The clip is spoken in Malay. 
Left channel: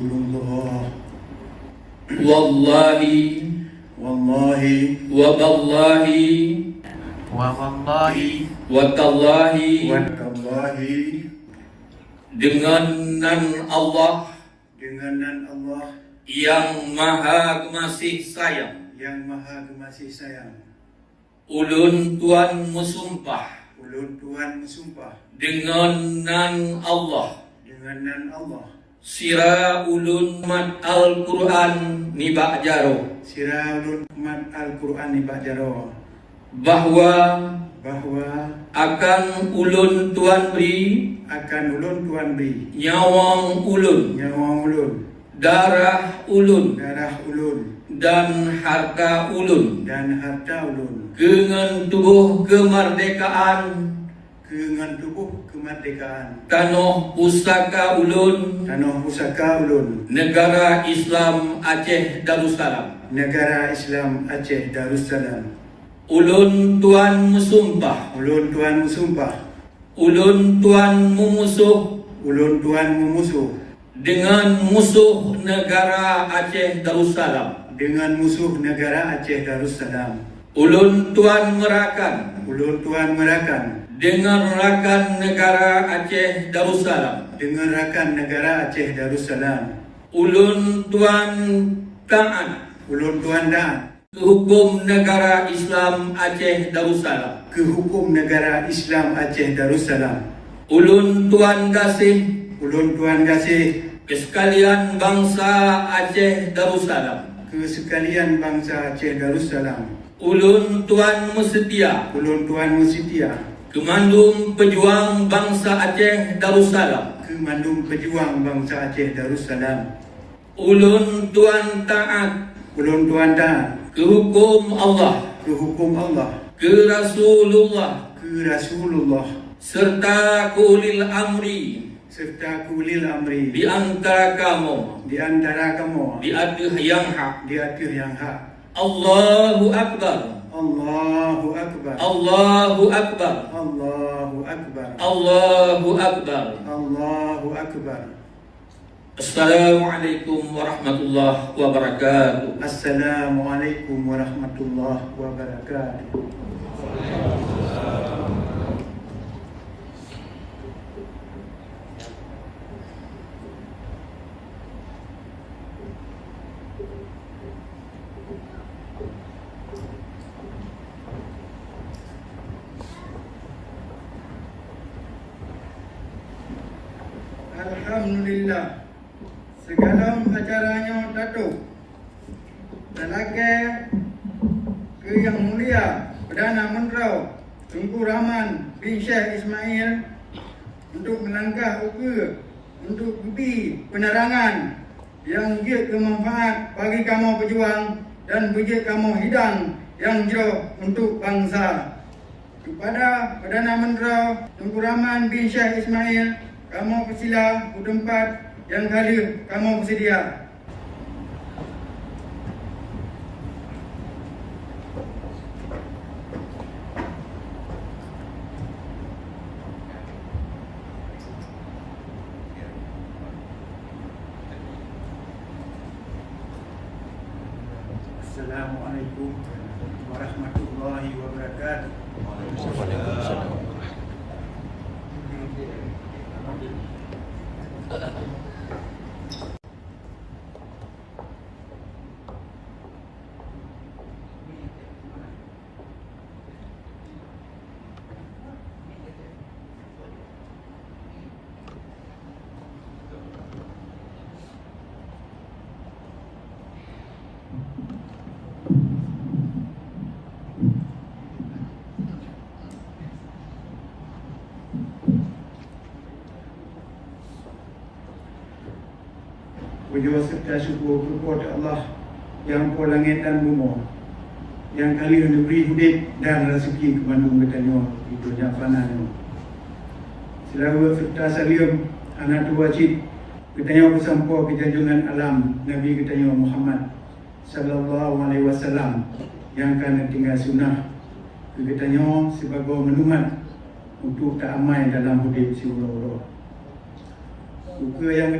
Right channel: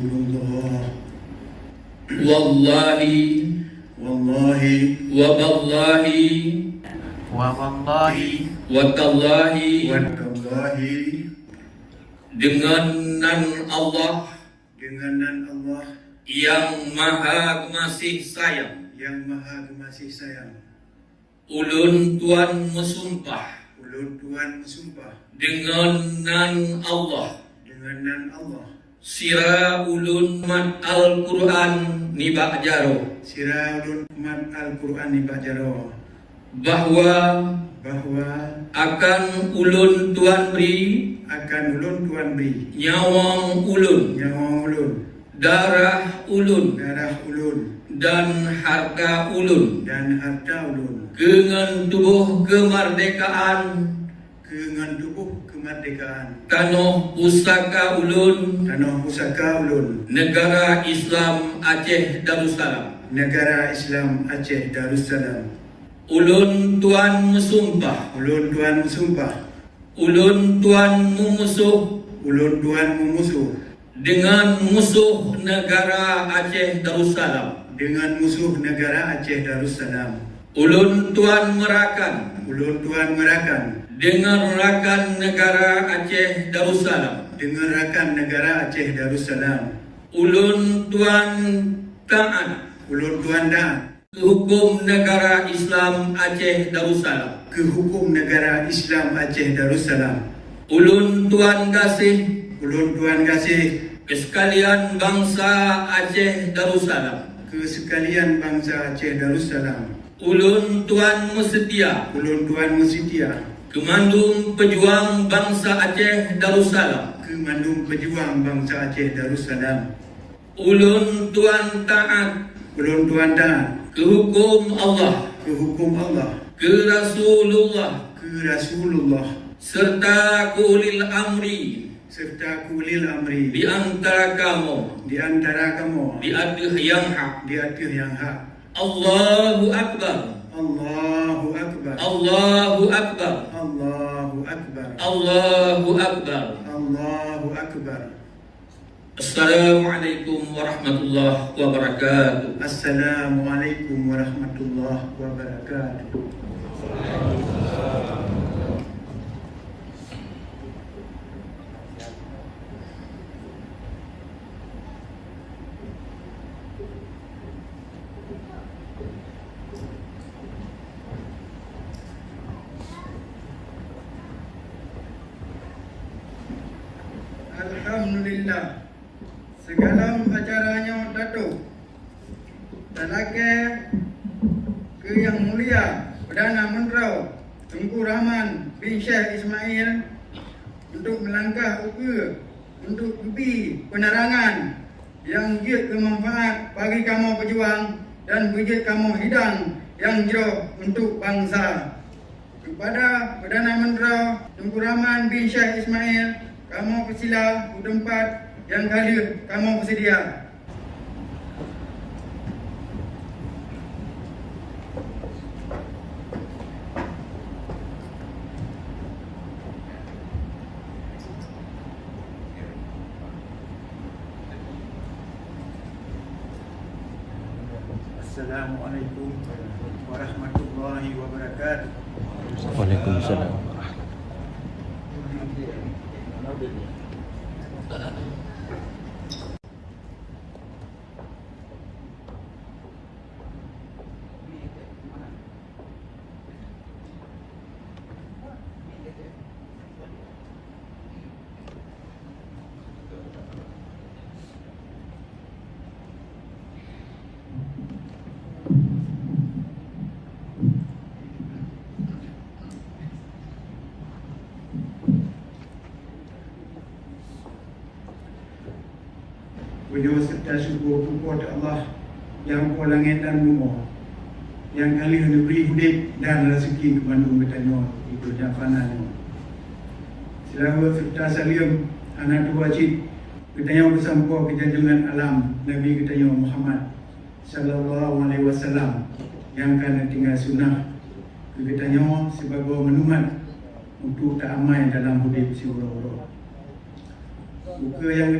Wallahi Wallahi waballahi Wawallahi watallahi Wallahi dengan nan Allah dengan nan Allah yang maha pengasih sayang, yang maha pengasih sayang. ulun tuan mesumpah Ulun Tuhan bersumpah dengan nan Allah dengan nan Allah. sira ulun mat Al-Quran ni ba'jaro Siralun mat Al-Quran ni bajaro bahwa bahwa akan ulun tuan beri akan ulun Tuhan beri nyawang ulun, nyawa ulun, darah ulun darah ulun, dan harta ulun dan harta ulun dengan tubuh kemerdekaan dengan tubuh kemerdekaan tanah pusaka ulun tanah pusaka ulun negara Islam Aceh Darussalam. negara Islam Aceh Darussalam. Ulun tuan mesumpah, Ulun Tuhan bersumpah ulun tuan memusuh ulun Tuhan memusuh dengan musuh negara Aceh Darussalam. dengan musuh negara Aceh Darussalam. Ulun tuan merakan Ulun Tuhan merakan dengan rakan negara Aceh Darussalam. dengan rakan negara Aceh Darussalam. Ulun tuan taat Ulun Tuhan taat ke hukum negara Islam Aceh Darussalam. ke hukum negara Islam Aceh Darussalam. Ulun tuan kasih Ulun Tuhan kasih ke sekalian bangsa Aceh Darussalam. ke sekalian bangsa Aceh Darussalam. Ulun tuan setia Ulun Tuhan setia kemandung pejuang bangsa Aceh Darussalam. ke mandum pejuang bangsa Aceh Darussalam. Ulun tuan taat Ulun Tuhan taat ke hukum Allah, ke hukum Allah, ke Rasulullah, ke Rasulullah, serta ke ulil amri serta ke ulil amri di antara kamu di antara kamu di atas yang hak. di atas yang hak. Allahu Akbar, Allahu Akbar, Allahu Akbar, Allahu Akbar, Allahu Akbar. Allahu Akbar. Assalamualaikum warahmatullahi wabarakatuh. Assalamualaikum warahmatullahi wabarakatuh. Alhamdulillah, segala acaranya datuk dan lagi ke yang mulia Perdana Menteri Tunku Rahman bin Sheikh Ismail untuk melangkah untuk beri penerangan yang giat bermanfaat bagi kamu pejuang dan bagi kamu hidang yang jauh untuk bangsa. Kepada Perdana Menteri Tunku Rahman bin Sheikh Ismail, kamu persila ke tempat yang hadir kamu bersedia. Assalamualaikum warahmatullahi wabarakatuh. Waalaikumsalam. Puji serta syukur kepada Allah yang kuat langit dan bumi, yang kali hendak beri hidup dan rezeki kepada bertanya di dunia fana ini. Selalu serta salim anak dua cik bertanya bersama kejunjungan alam Nabi kita Muhammad sallallahu alaihi wasallam yang akan tinggal sunnah kita sebagai menumat untuk tak amai dalam hidup si boro-boro. Suka yang